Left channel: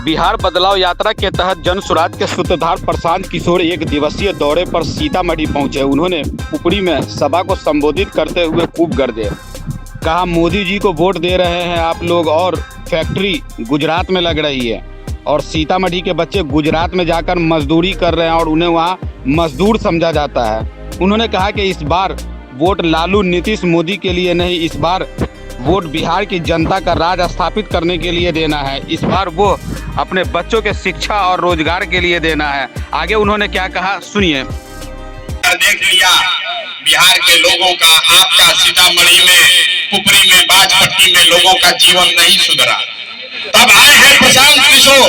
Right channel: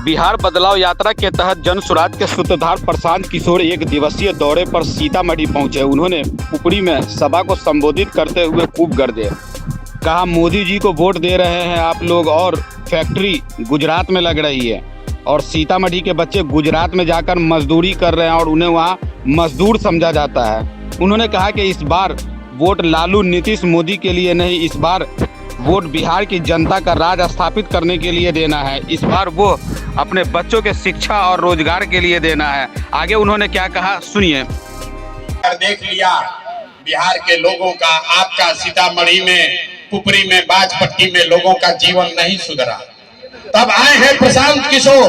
बिहार बदलाव यात्रा के तहत जन सुराज के सूत्रधार प्रशांत किशोर एक दिवसीय दौरे पर सीतामढ़ी पहुंचे। उन्होंने पुपरी में सभा को संबोधित करते हुए खूब गर्जे। कहा, मोदी जी को वोट दे रहे हैं आप लोग और फैक्ट्री गुजरात में लग रही है और सीतामढ़ी के बच्चे गुजरात में जाकर मजदूरी कर रहे हैं और उन्हें वहाँ मजदूर समझा जाता है। उन्होंने कहा कि इस बार वोट लालू नीतीश मोदी के लिए नहीं, इस बार वोट बिहार की जनता का राज स्थापित करने के लिए देना है। इस बार वो अपने बच्चों के शिक्षा और रोजगार के लिए देना है। आगे उन्होंने क्या कहा, सुनिए। देख लिया बिहार के लोगों का, आपका सीतामढ़ी में, पुपरी में, बाजपट्टी में लोगों का जीवन नहीं सुधरा। तब आए हैं प्रशांत किशोर,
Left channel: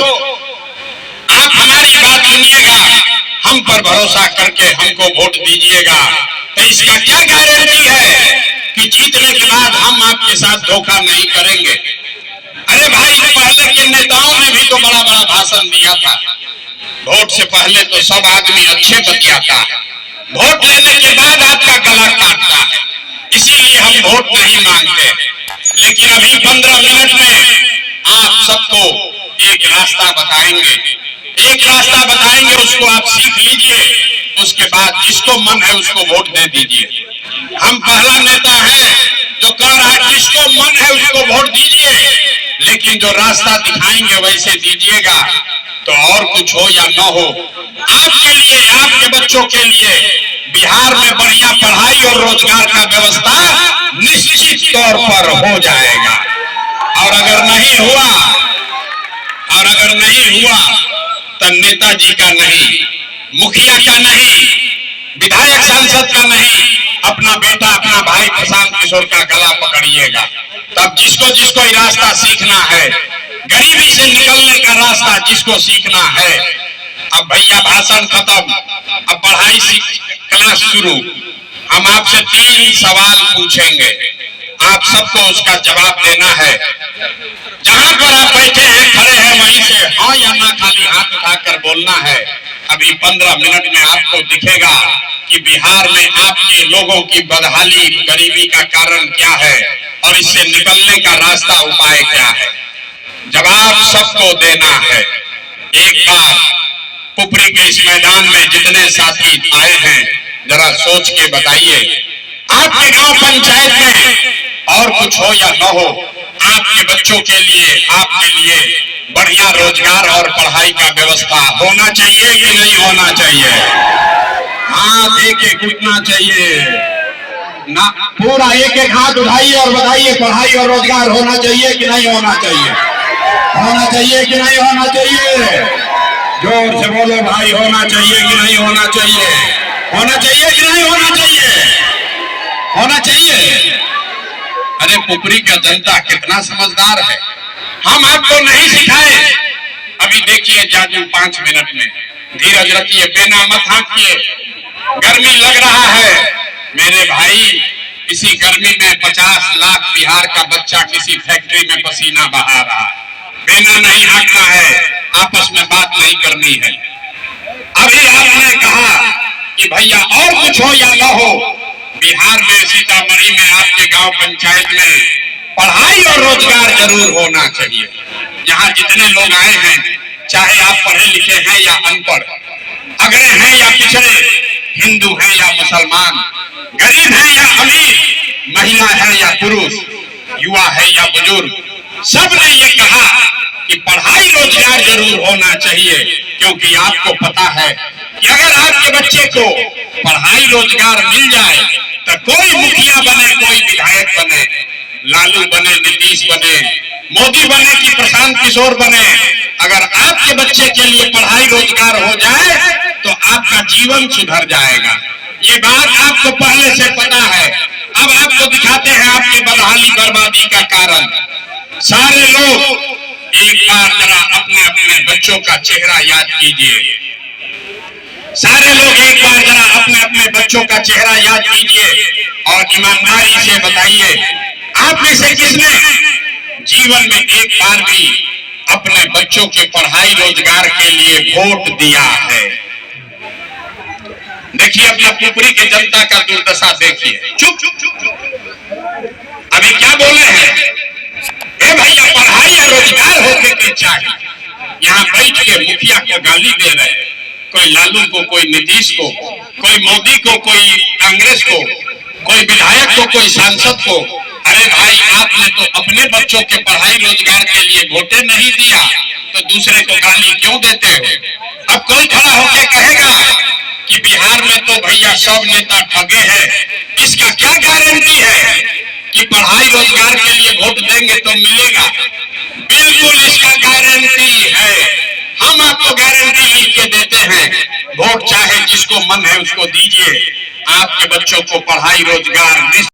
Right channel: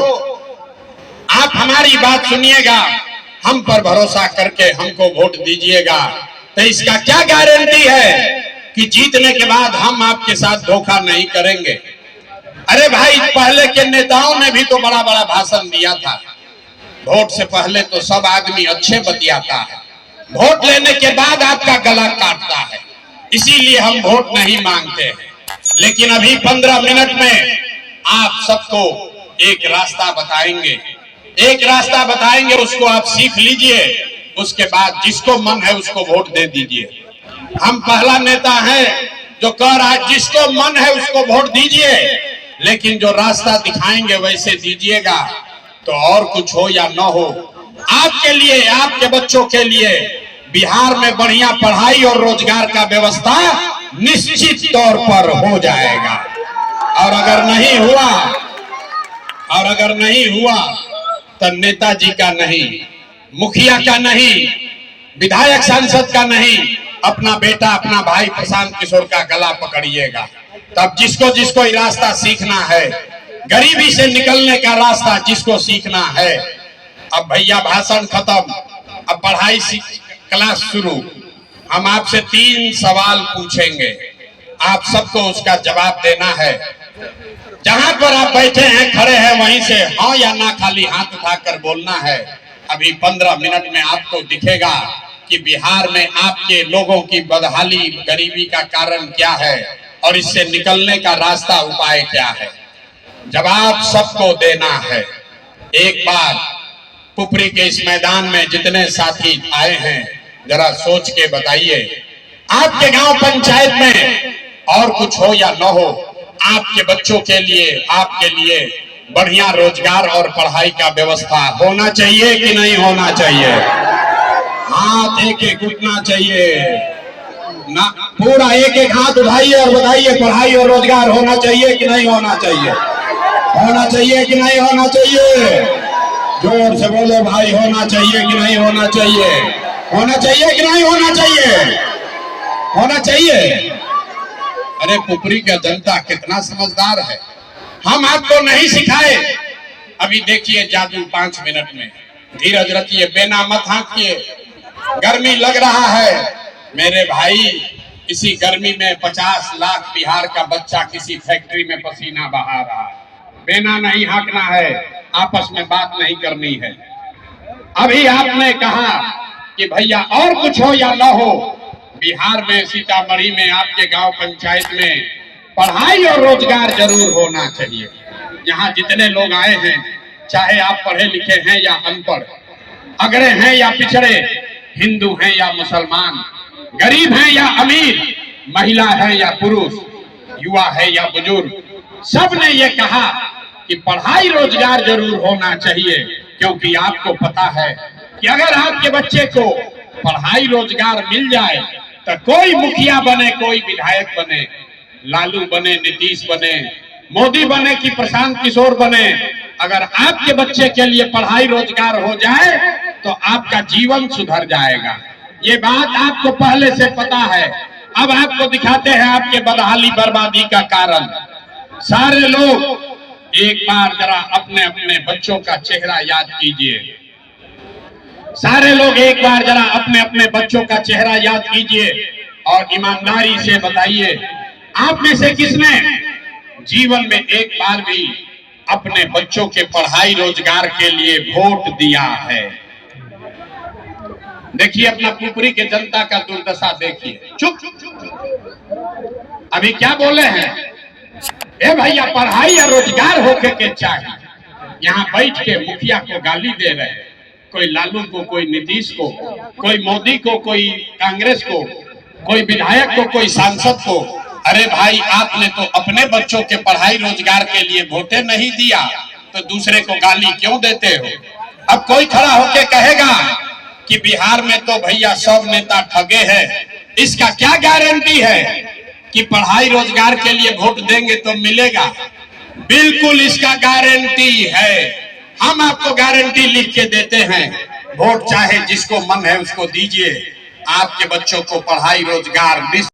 आप हमारी बात सुनिएगा, हम पर भरोसा करके हमको वोट दीजिएगा। तो इसका क्या गारंटी है कि जीतने के बाद हम आपके साथ धोखा नहीं करेंगे। अरे भाई, पहले के नेताओं ने भी तो बड़ा बड़ा भाषण दिया था। वोट से पहले तो सब आदमी अच्छे बतियाता है, वोट लेने के बाद आपका गला काटता है। इसीलिए हम वोट नहीं मांगते। लेकिन अभी 15 मिनट में आप सबको एक रास्ता बताएंगे, उसको आप सीख लीजिए। उसके बाद जिसको मन है उसको वोट दे दीजिए। हम पहला नेता है जो कह रहा है जिसको मन है उसको वोट दीजिए, लेकिन जो रास्ता दिखाएंगे वैसे दीजिएगा। तो और कुछ हो या न हो, आपके लिए, आपके बच्चों के लिए बिहार में बढ़िया पढ़ाई और रोजगार का व्यवस्था निश्चित तौर पर हो जाएगा। और अगर नहीं हुआ तो नेताजी का नहीं, मुखिया का नहीं, विधायक सांसद का नहीं, अपना बेटा, अपना भाई प्रशांत किशोर का गला पकड़िएगा। तब जिसको जिसको रास्ता सीखना है, गरीबी से निकलने का रास्ता जिसको सीखना है, अब भैया भाषण खत्म, अब पढ़ाई क्लास शुरू। हम आपसे 3 सवाल पूछेंगे, आप सबको उसका जवाब देना है। जहां पर आप बैठे हैं, खड़े हैं, वहीं से हाँ या ना खाली हाथ उठाकर बोलना है। अभी 15 मिनट में आपको दिखेगा कि बिहार में आपके लोगों की बदहाली, गरीबी का कारण क्या है और इससे निकलने का रास्ता, उपाय क्या है। जवाब सबको देना है। एक बार पुपरी के इस मैदान में जितने साथी आए हैं, जरा सोच के बताइए, आपके गांव पंचायत में और कुछ हो या न हो, आपके बच्चों के लिए, आपके लिए बढ़िया रोजगार और पढ़ाई का व्यवस्था होना चाहिए कि नहीं होना चाहिए? हाथ एक उठना चाहिए ना, पूरा एक हाथ उठाइए और बताइए, पढ़ाई और रोजगार होना चाहिए कि नहीं होना चाहिए? होना चाहिए कि नहीं होना चाहिए? जोर से बोलो भाई, होना चाहिए कि नहीं होना चाहिए? होना चाहिए कि नहीं होना चाहिए? होना चाहिए। अरे पुपरी का जनता कितना समझदार है, हम आपको नहीं सिखाए। अभी देखिए जादू 5 मिनट में, धीरज रखिए, बेना मत हाँकिए। गर्मी लग रहा है मेरे भाई, इसी गर्मी में 50 लाख बिहार का बच्चा किसी फैक्ट्री में पसीना बहा रहा है। बेना नहीं हाँकना है, आपस में बात नहीं करनी है। अभी आपने कहा कि भैया और कुछ हो या ना हो, बिहार में, सीतामढ़ी में, आपके गांव पंचायत में पढ़ाई और रोजगार जरूर होना चाहिए। यहाँ जितने लोग आए हैं, चाहे आप पढ़े लिखे हैं या अनपढ़, अगड़े हैं या पिछड़े, हिंदू हैं या मुसलमान, गरीब हैं या अमीर, महिला है या पुरुष, युवा है या बुजुर्ग, सब ने ये कहा कि पढ़ाई रोजगार जरूर होना चाहिए। क्योंकि आपको पता है कि अगर आपके बच्चे को पढ़ाई रोजगार मिल जाए तो कोई मुखिया बने, कोई विधायक बने, लालू बने, नीतीश बने, मोदी बने कि प्रशांत किशोर बने, अगर आपके बच्चे के लिए पढ़ाई रोजगार हो जाए तो आपका जीवन सुधर जाएगा। ये बात आपको पहले से पता है। अब आपको दिखाते हैं आपके बदहाली, बर्बादी का कारण। सारे लोग एक बार जरा अपने अपने बच्चों का चेहरा याद कीजिए। सारे लोग एक बार जरा अपने अपने बच्चों का चेहरा याद कीजिए और ईमानदारी से बताइए, आप में से किसने जीवन में एक बार भी अपने बच्चों के पढ़ाई रोजगार के लिए वोट दिया है? देखिए अपना पुपरी के जनता का दुर्दशा देखिए। चुप, अभी क्या बोले हैं? ए भैया, पढ़ाई या रोजगार होके के चाहिए, यहाँ बैठ के मुखिया को गाली दे रहे हैं, कोई लालू को, कोई नीतीश को, कोई मोदी को, कोई कांग्रेस को, कोई विधायक को, कोई सांसद को। अरे भाई, आपने तो अपने बच्चों के पढ़ाई रोजगार के लिए वोटे नहीं दिया, तो दूसरे को गाली क्यों देते हो? अब कोई खड़ा होके कहेगा कि बिहार में तो भैया सब नेता ठगे हैं, इसका क्या गारंटी है कि पढ़ाई रोजगार के लिए वोट देंगे तो मिलेगा? बिल्कुल इसका गारंटी है। हम आपको गारंटी लिख के देते हैं, वोट चाहे जिसको मन है उसको दीजिए, आपके बच्चों को पढ़ाई रोजगार